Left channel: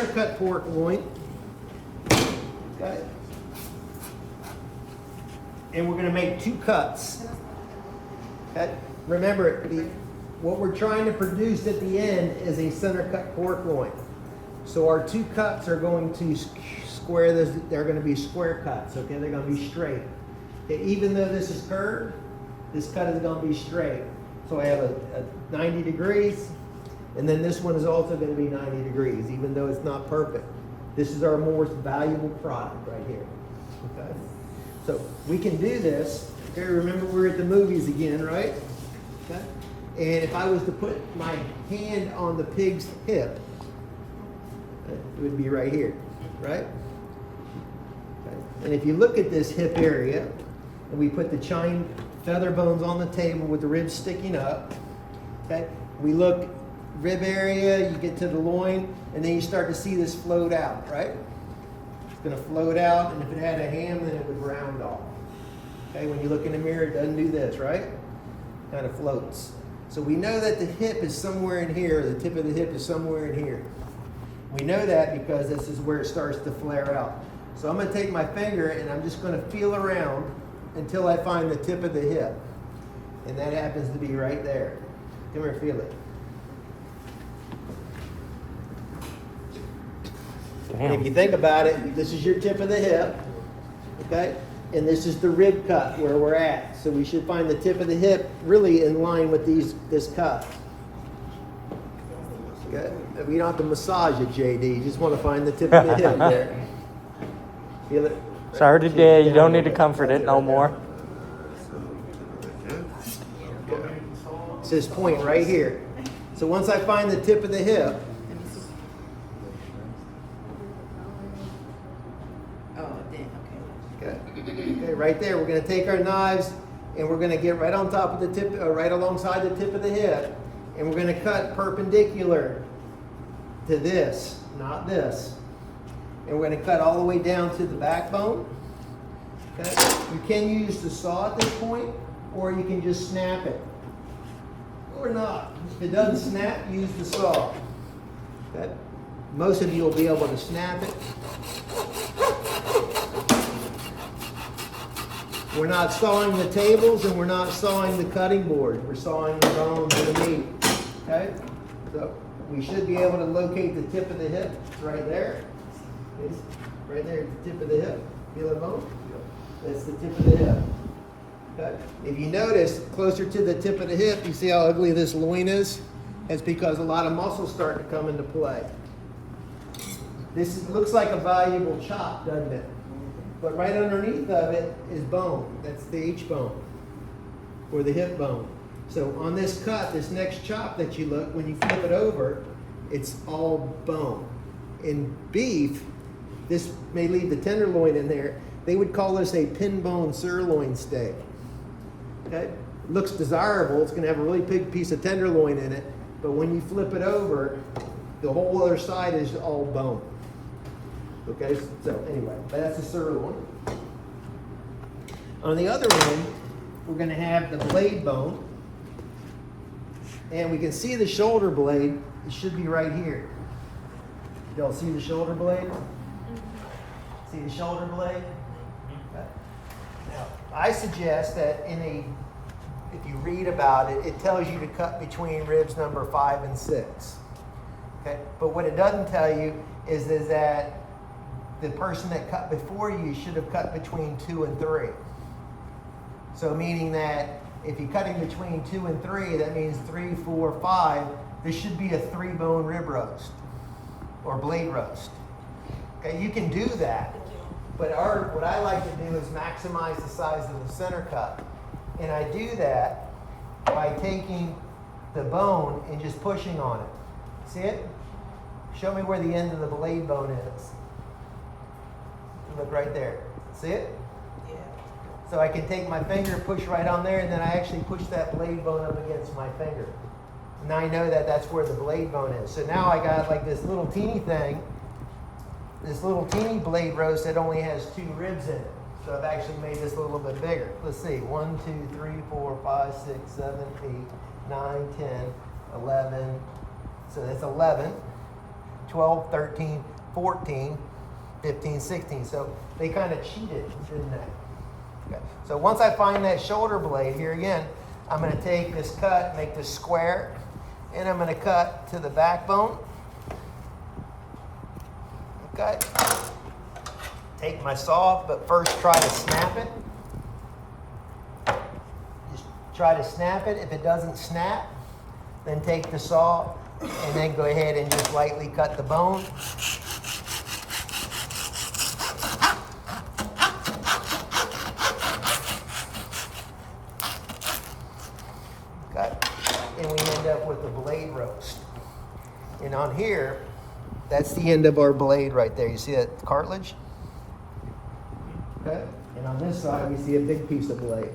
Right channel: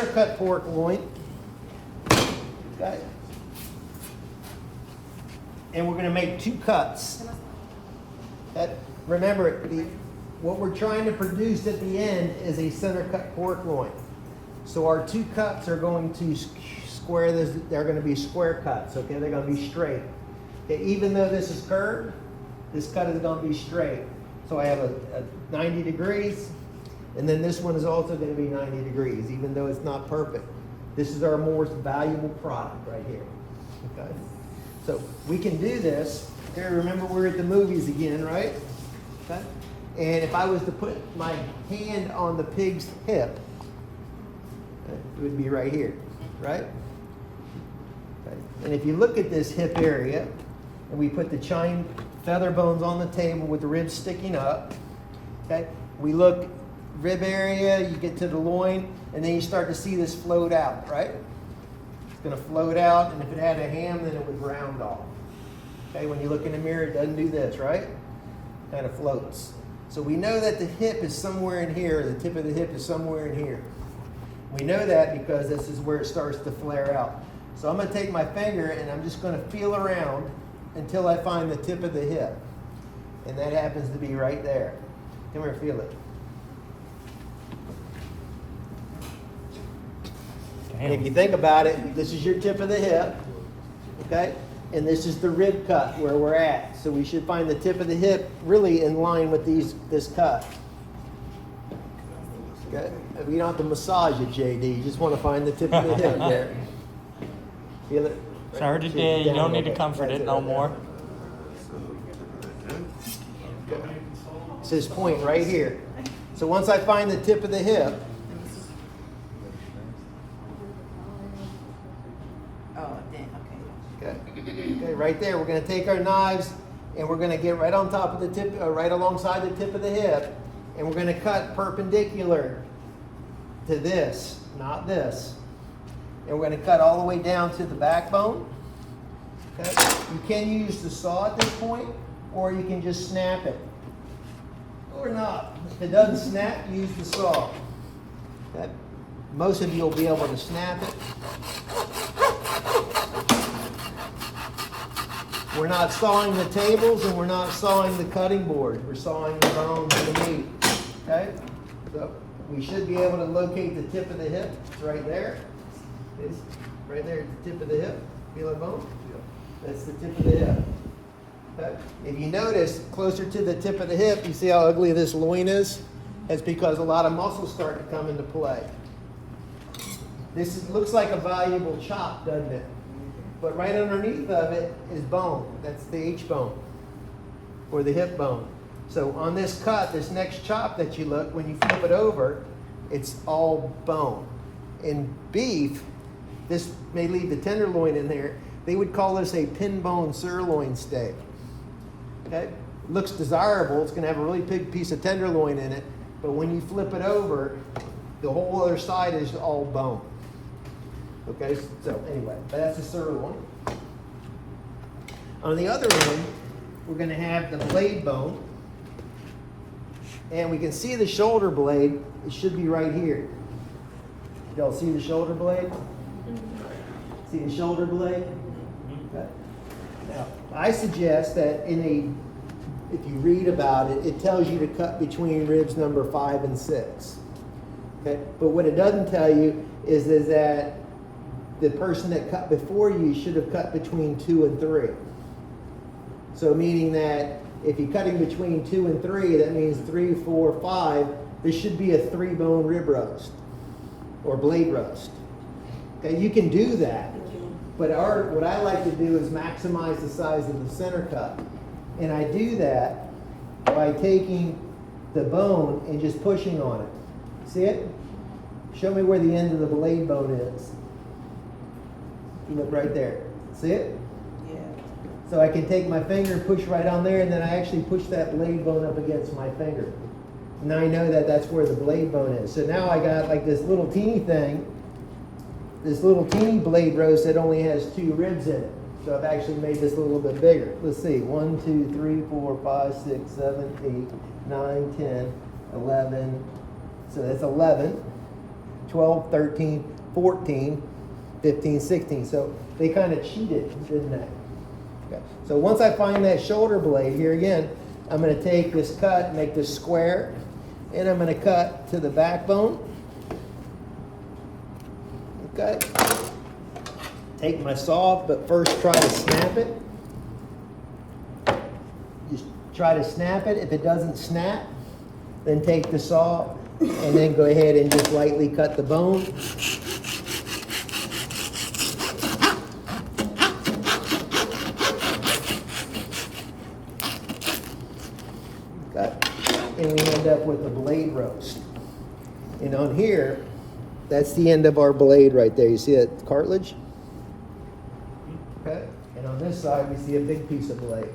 center cut pork loin. Okay. And we're gonna make 2 cuts. Okay. Remember, what we're trying to produce at the end is a center cut pork loin. So our 2 cuts are going to square this, they're gonna be square cuts, okay? They're gonna be straight. Okay, even though this is curved, this cut is gonna be straight. So I have a 90 degrees, and then this one is also gonna be 90 degrees, even though it's not perfect. This is our most valuable product right here, okay? So we can do this. Okay, remember we're at the movies again, right? Okay. And if I was to put my hand on the pig's hip, it would be right here, right? Okay. And if you look at this hip area, and we put the chine feather bones on the table with the ribs sticking up, okay? We look rib area, you get to the loin, and then you start to see this float out, right? It's gonna float out, and if it had a ham, then it would round off. Okay, when you look in the mirror, it doesn't do this, right? Kind of floats. So we know that the hip is somewhere in here, the tip of the hip is somewhere in here. We know that because this is where it starts to flare out. So I'm gonna take my finger and I'm just gonna feel around until I find the tip of the hip. And that happens to be right there. Come here, feel it. And if you think about it, this is your tip of the hip, okay? And this is the rib cut where we're at. So we should find the tip of the hip really in line with this cut. Okay? We don't have to massage it, JD. You just want to find the tip of the hip there. Feel it? Sorry today, you don't need to comfort it no more. It's this point right here. So once I find the tip of the hip, okay, right there, we're going to take our knives and we're going to get right on top of the tip, right alongside the tip of the hip, and we're going to cut perpendicular to this, not this. And we're going to cut all the way down to the backbone. Okay? You can use the saw at this point, or you can just snap it. Or not. If it doesn't snap, use the saw. Okay? Most of you will be able to snap it. We're not sawing the tables and we're not sawing the cutting board. We're sawing the bones and the meat. Okay? So we should be able to locate the tip of the hip. It's right there. It's right there at the tip of the hip. Feel the bone? That's the tip of the hip. Okay? If you notice closer to the tip of the hip, you see how ugly this loin is? It's because a lot of muscles start to come into play. Looks like a valuable chop, doesn't it? But right underneath of it is bone. That's the H bone, or the hip bone. So on this cut, this next chop that you look, when you flip it over, it's all bone. In beef, this may leave the tenderloin in there. They would call this a pin bone sirloin steak. Okay? Looks desirable. It's going to have a really big piece of tenderloin in it. But when you flip it over, the whole other side is all bone. Okay, so anyway, that's a sirloin. On the other one, we're going to have the blade bone. And we can see the shoulder blade. It should be right here. Y'all see the shoulder blade? See the shoulder blade? Okay. Now, I suggest that if you read about it, it tells you to cut between ribs number 5 and 6. Okay, but what it doesn't tell you is that the person that cut before you should have cut between 2 and 3. So meaning that if you're cutting between 2 and 3, that means 3, 4, 5, there should be a 3-bone rib roast or blade roast. Okay, you can do that, but what I like to do is maximize the size of the center cut. And I do that by taking the bone and just pushing on it. See it? Show me where the end of the blade bone is. Look right there. See it? Yeah. So I can take my finger, push right on there, and then I actually push that blade bone up against my finger. Now I know that that's where the blade bone is. So now I got like this little teeny thing, this little teeny blade roast that only has 2 ribs in it. So I've actually made this a little bit bigger. Let's see, 1, 2, 3, 4, 5, 6, 7, 8, 9, 10, 11. So that's 11. 12, 13, 14, 15, 16. So they kind of cheated, didn't they? Okay. So once I find that shoulder blade, here again, I'm going to take this cut, make this square, and I'm going to cut to the backbone. Okay. Take my saw, but first try to snap it. Just try to snap it. If it doesn't snap, then take the saw and then go ahead and just lightly cut the bone. Cut. And we end up with a blade roast. And on here, that's the end of our blade right there. You see that cartilage? Okay. And on this side, we see a big piece of blade.